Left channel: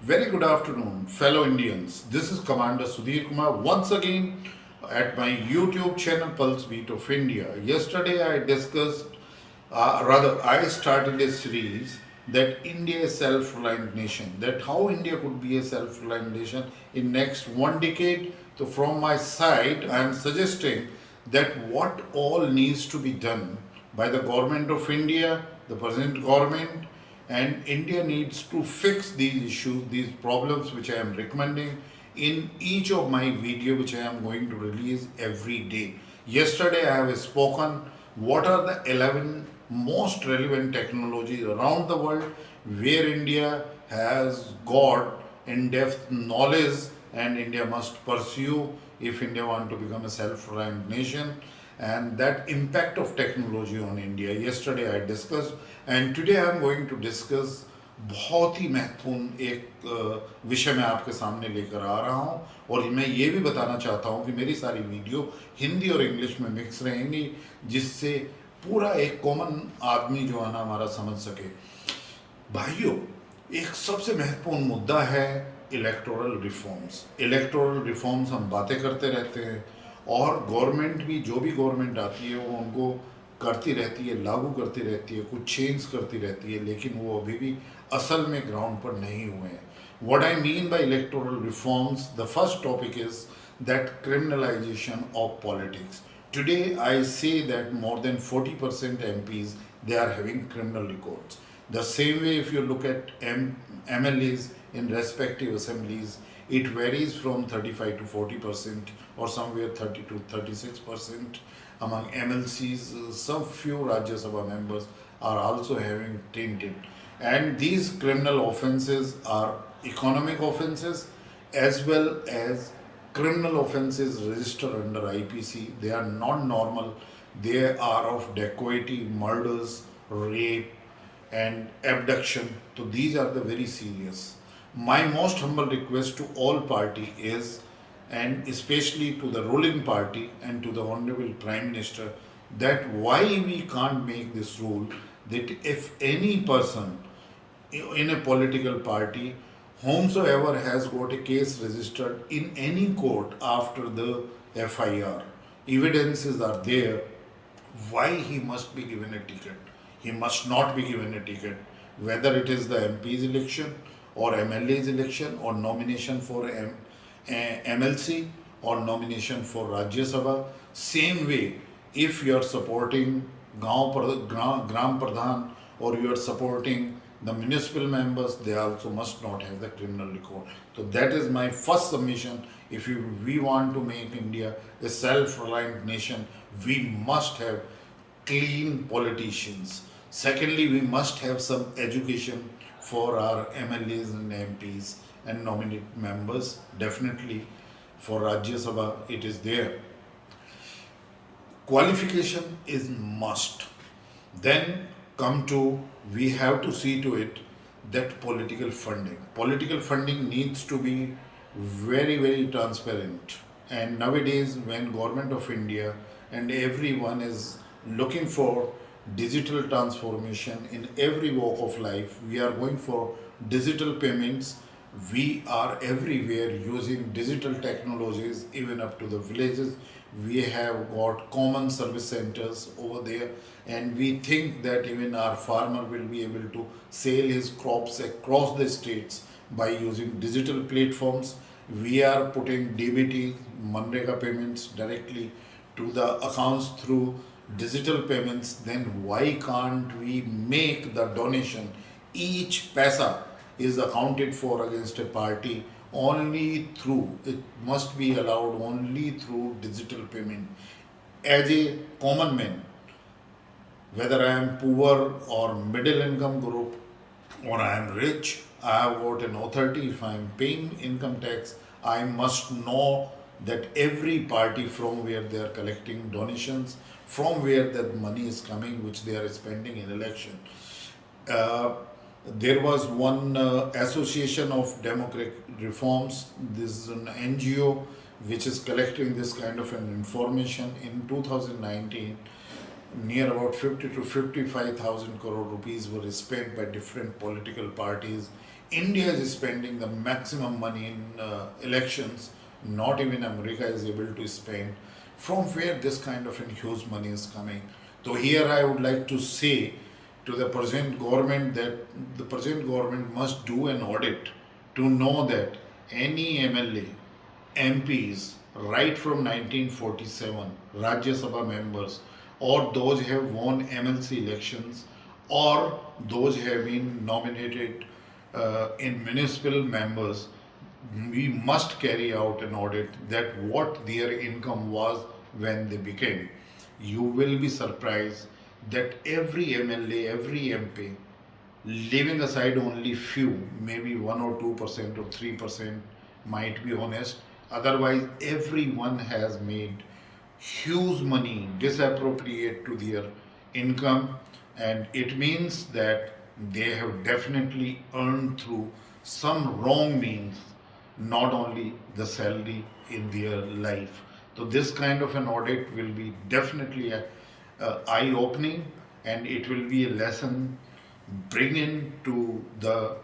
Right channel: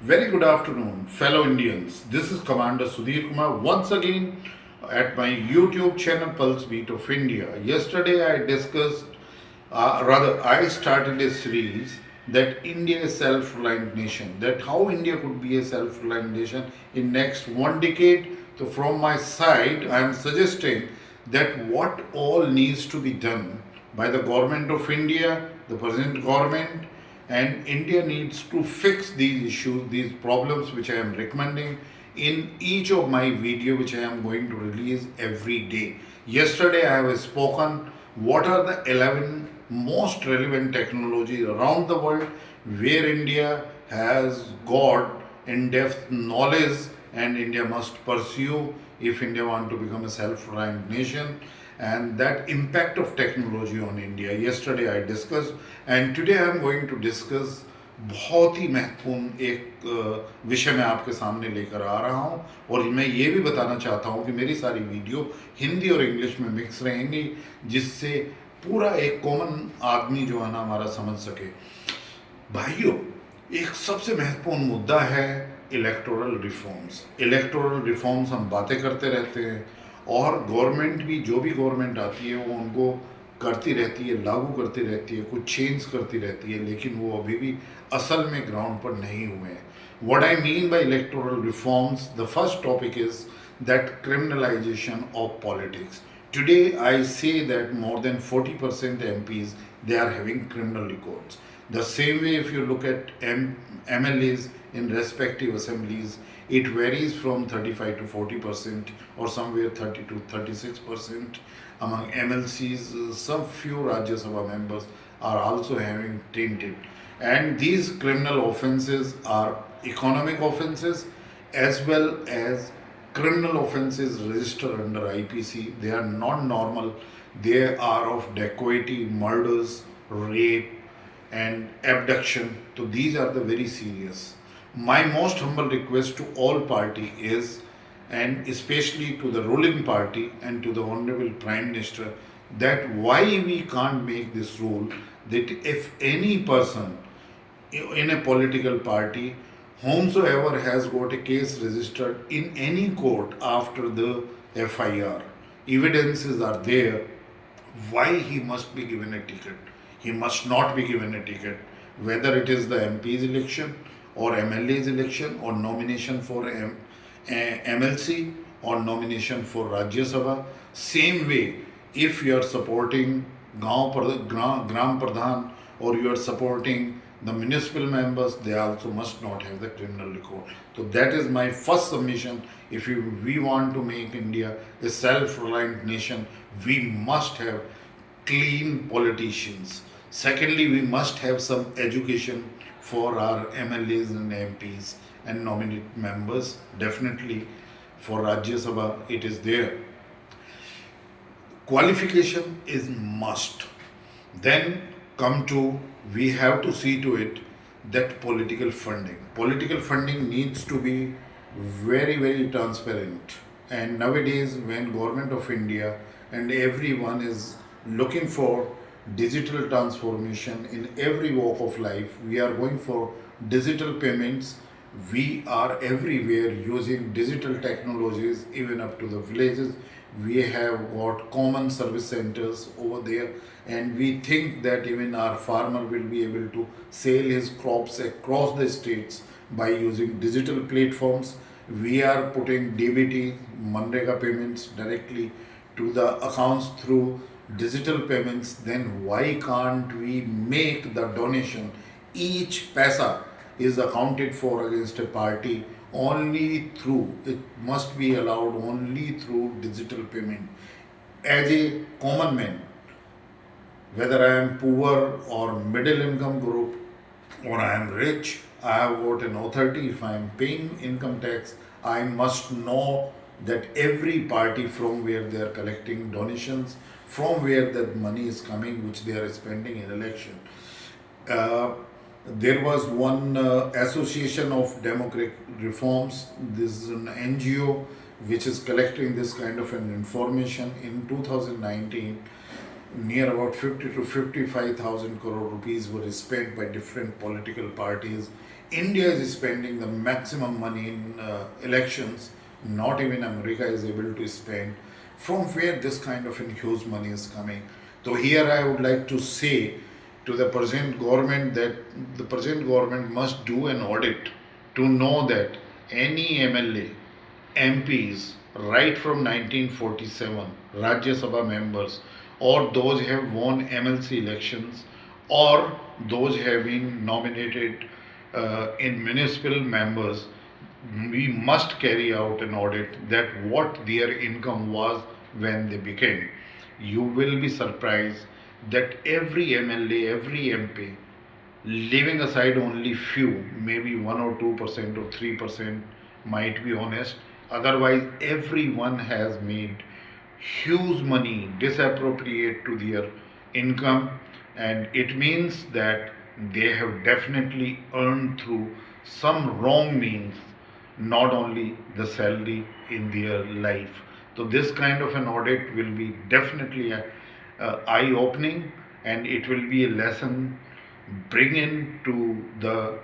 Very good afternoon, fellow Indians. This is Commander Sudhir Kumar once again at my YouTube channel Pulse Beat of India. Yesterday I discussed, I started a series that India is self-reliant nation. That how India could be a self-reliant nation in next one decade. So from my side, I am suggesting that what all needs to be done by the government of India, the present government, and India needs to fix these issues, these problems which I am recommending in each of my video which I am going to release every day. Yesterday I have spoken what are the 11 most relevant technologies around the world where India has got in-depth knowledge and India must pursue if India want to become a self-reliant nation, and that impact of technology on India. Yesterday I discussed and today I am going to discuss बहुत ही महत्वपूर्ण एक विषय मैं आपके सामने लेकर आ रहा हूँ और मैं ये भी बताना चाहता हूँ कि मेरी सारी वीडियो हिंदी और इंग्लिश में मिक्स रहेंगी जिससे पूरा एक कॉमन आदमी जो है ना हमारा समझ सके। भाइयों, एक सबसे महत्वपूर्ण मुद्दा है इलेक्टोरल रिफॉर्म्स। इलेक्टोरल रिफॉर्म्स हम बातें करते रहते हैं और गवर्नमेंट भी जो भी गवर्नमेंट आती है वो उनको करती रहती है, लागू करती रहती है, कुछ चेंज करती रहती है, लेकिन वो अभी भी असल में ग्राउंड पर नहीं हुए हैं। What I mean by electoral reforms, the first topic is that criminalization of politics. Today, I say that more than 40% MPs they are having criminal records. The same way, if you look at MLAs in respective assemblies, it varies from 35 to 40% or somewhere 30 to 36%. Among MLCs, some few Rajya Sabha members are also having tainted. And these criminal offences are economic offences as well as criminal offences registered under IPC. They are not normal. They are of dacoity, murders, rape, and abduction. So these are the very serious. My most humble request to all party is, and especially to the ruling party and to the Honorable Prime Minister, that why we can't make this rule that if any person in a political party, whomsoever has got a case registered in any court after the FIR, evidences are there, why he must be given a ticket. He must not be given a ticket, whether it is the MP's election or MLA's election or nomination for MLC or nomination for Rajya Sabha. Same way, if you are supporting Gram Pradhan or you are supporting the municipal members, they also must not have the criminal record. So that is my first submission. If we want to make India a self-reliant nation, we must have clean politicians. Secondly, we must have some education for our MLAs and MPs and nominate members. Definitely for Rajya Sabha, it is there. Qualification is must. Then come to, we have to see to it that political funding needs to be very transparent. And nowadays when government of India and everyone is looking for digital transformation in every walk of life, we are going for digital payments. We are everywhere using digital technologies, even up to the villages. We have got common service centers over there, and we think that even our farmer will be able to sell his crops across the states by using digital platforms. We are putting DBT, Manrega payments directly to the accounts through digital payments. Then why can't we make the donation? Each paisa is accounted for against a party only through, it must be allowed only through digital payment. As a common man, whether I am poor or middle income group or I am rich, I have got an authority. If I am paying income tax, I must know that every party from where they are collecting donations, from where that money is coming, which they are spending in election. Uh, there was one association of democratic reforms. This is an NGO which is collecting this kind of an information. In 2019, near about 50 to 55,000 crore rupees were spent by different political parties India is spending the maximum money in elections. Not even America is able to spend. From where this kind of huge money is coming? So here I would like to say to the present government that the present government must do an audit to know that any MLA, MPs, right from 1947, Rajya Sabha members, or those have won MLC elections, or those have been nominated in municipal members, we must carry out an audit that what their income was when they became. You will be surprised that every MLA, every MP, leaving aside only few, maybe 1 or 2% or 3% might be honest. Otherwise, everyone has made huge money disappropriate to their income, and it means that they have definitely earned through some wrong means, not only the salary in their life. So this kind of an audit will be definitely eye opening, and it will be a lesson bring in to the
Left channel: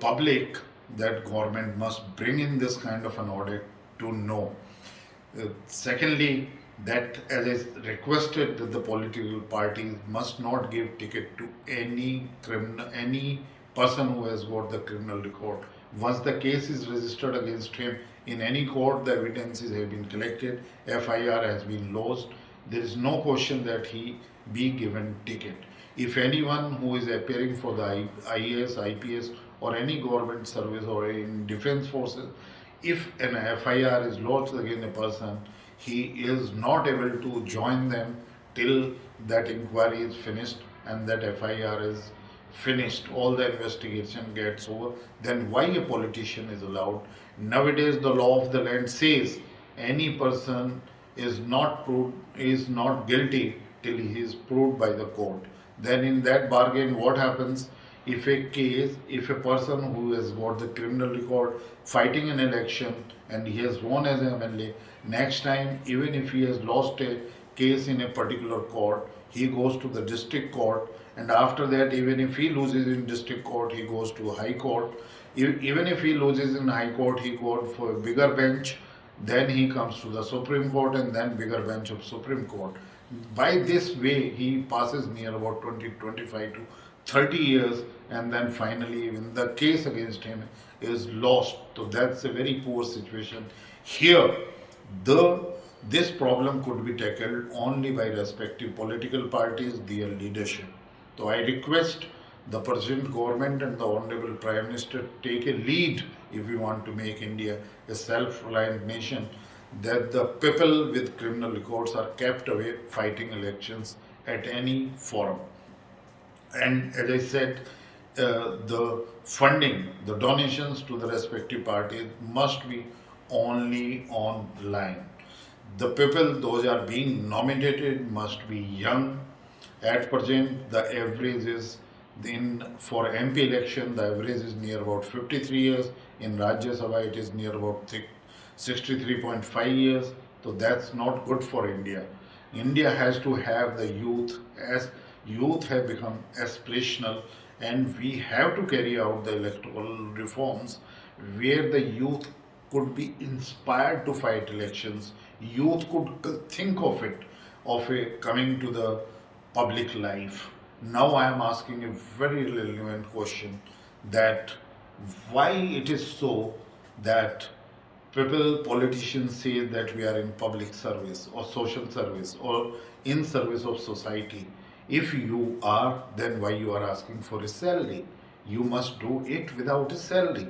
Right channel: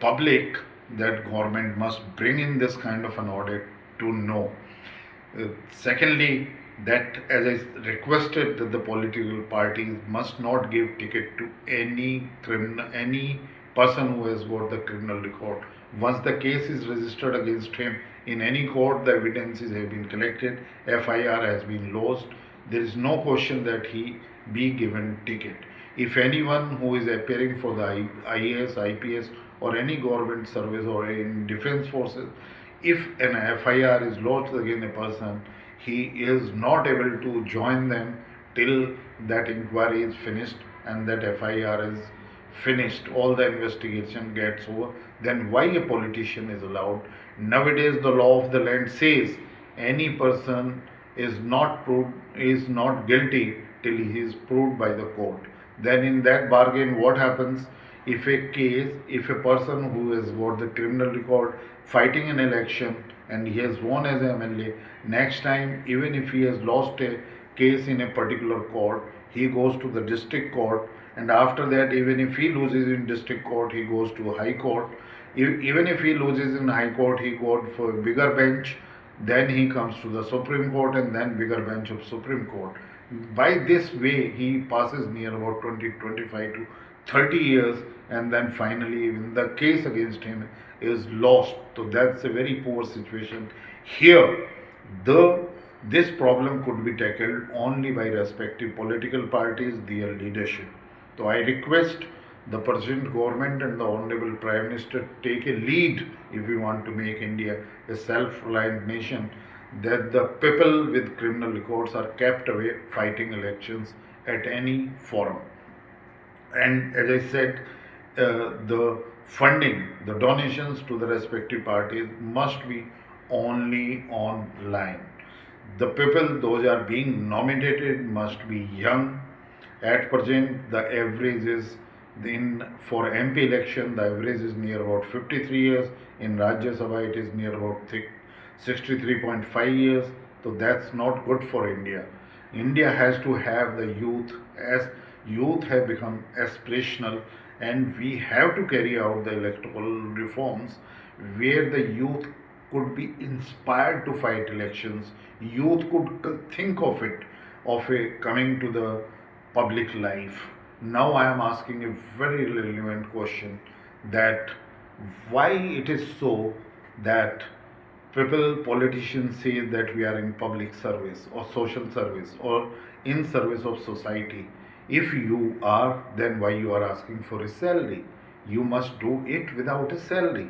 public that government must bring in this kind of an audit to know. Secondly, that as I requested that the political parties must not give ticket to any criminal, any person who has got the criminal record. Once the case is registered against him in any court, the evidences have been collected, FIR has been lodged. There is no question that he be given ticket. If anyone who is appearing for the IAS, IPS, or any government service or in defense forces, if an FIR is lodged against a person, he is not able to join them till that inquiry is finished and that FIR is finished, all the investigation gets over, then why a politician is allowed? Nowadays, the law of the land says any person is not proved, is not guilty till he is proved by the court. Then in that bargain, what happens? If a case, if a person who has got the criminal record fighting an election and he has won as an MLA, next time, even if he has lost a case in a particular court, he goes to the district court, and after that, even if he loses in district court, he goes to high court. Even if he loses in high court, he goes for a bigger bench, then he comes to the Supreme Court, and then bigger bench of Supreme Court. By this way, he passes near about 20, 25 to 30 years, and then finally, even the case against him is lost. So that's a very poor situation. Here, the this problem could be tackled only by respective political parties, their leadership. So I request the present government and the Honorable Prime Minister take a lead if we want to make India a self-reliant nation, that the people with criminal records are kept away fighting elections at any forum. And as I said, the funding, the donations to the respective parties must be only online. The people, those are being nominated, must be young. At present, the average is in for MP election, the average is near about 53 years. In Rajya Sabha, it is near about 63.5 years. So that's not good for India. India has to have the youth, as youth have become aspirational, and we have to carry out the electoral reforms where the youth could be inspired to fight elections. Youth could think of it, of a coming to the public life. Now I am asking a very relevant question, that why it is so that people, politicians say that we are in public service or social service or in service of society. If you are, then why you are asking for a salary? You must do it without a salary.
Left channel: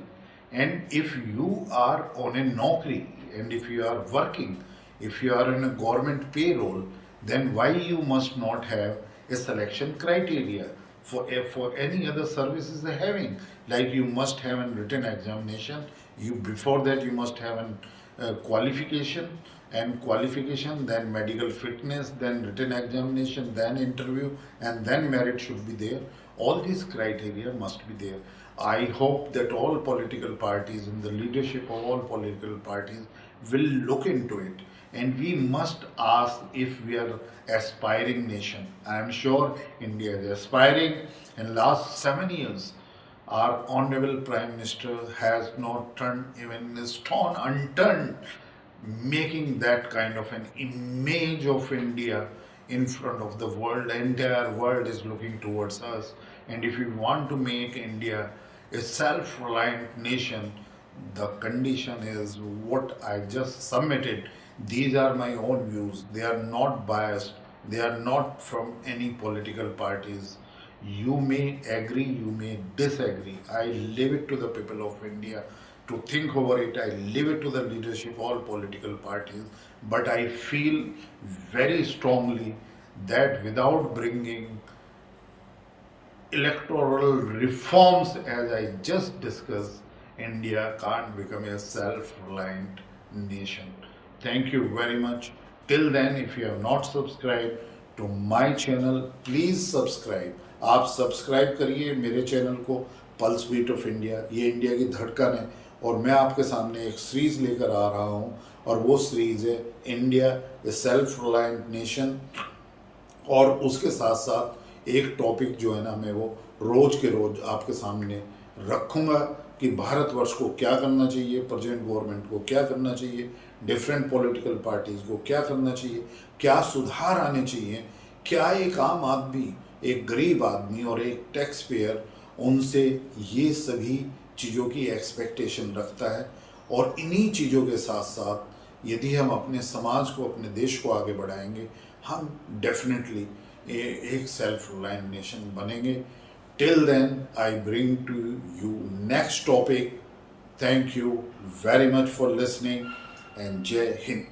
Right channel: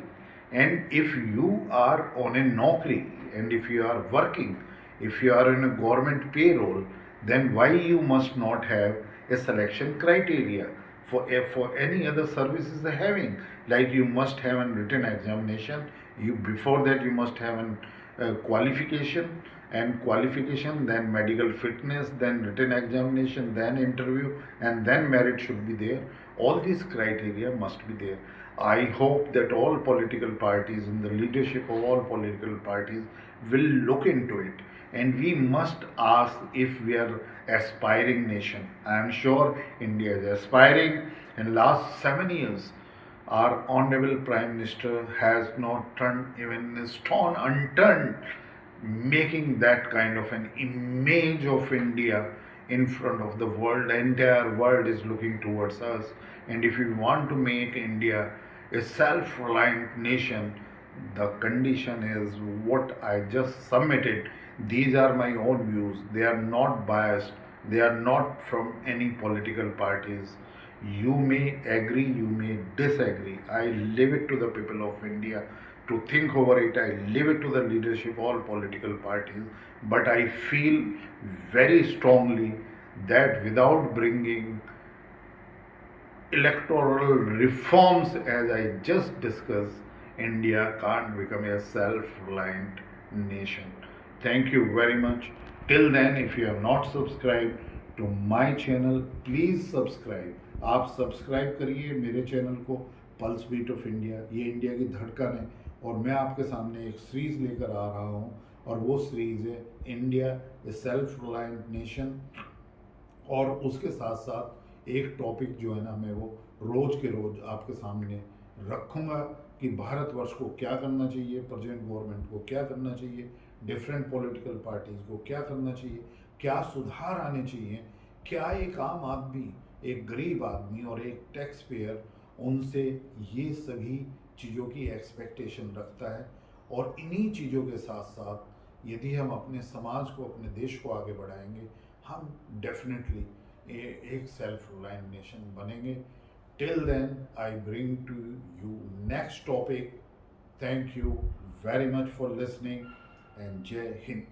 And if you are on a naukri, and if you are working, if you are in a government payroll, then why you must not have a selection criteria for any other services they're having? Like you must have a written examination. You before that you must have an qualification, and qualification, then medical fitness, then written examination, then interview, and then merit should be there. All these criteria must be there. I hope that all political parties and the leadership of all political parties will look into it, and we must ask if we are aspiring nation. I am sure India is aspiring. In last 7 years, Our Honorable Prime Minister has not turned even a stone unturned, making that kind of an image of India in front of the world. The entire world is looking towards us. And if we want to make India a self reliant nation, the condition is what I just submitted. These are my own views. They are not biased. They are not from any political parties. You may agree, you may disagree. I leave it to the people of India to think over it. I leave it to the leadership, all political parties. But I feel very strongly that without bringing electoral reforms, as I just discussed, India can't become a self reliant nation. Thank you very much. Till then, if you have not subscribed to my channel, please subscribe. आप subscribe करिए मेरे channel को, pulse beat of India. ये India की धड़कन है और मैं आपके सामने एक सीरीज लेकर आ रहा हूँ और वो सीरीज है इंडिया ए सेल्फ रिलायंट नेशन। और उसके साथ साथ एक टॉपिक जो है ना, मैं वो रोज़ के रोज़ आपके सामने रखूँगा कि भारतवर्ष को क्या करना चाहिए, प्रेजेंट गवर्नमेंट को क्या करना चाहिए, डिफरेंट पॉलिटिकल पार्टीज़ को क्या करना चाहिए, क्या सुधार आने चाहिए, क्या एक आम आदमी, एक गरीब आदमी और एक टैक्स पेयर उनसे ये सभी चीज़ों की एक्सपेक्टेशन रखता है। और इन्हीं चीज़ों के साथ साथ यदि हम अपने समाज को, अपने देश को आगे बढ़ाएंगे, हम डेफिनेटली एक सेल्फ रिलायंट नेशन बनेंगे। Till then I bring to you next topic. Thank you very much for listening and जय हिंद।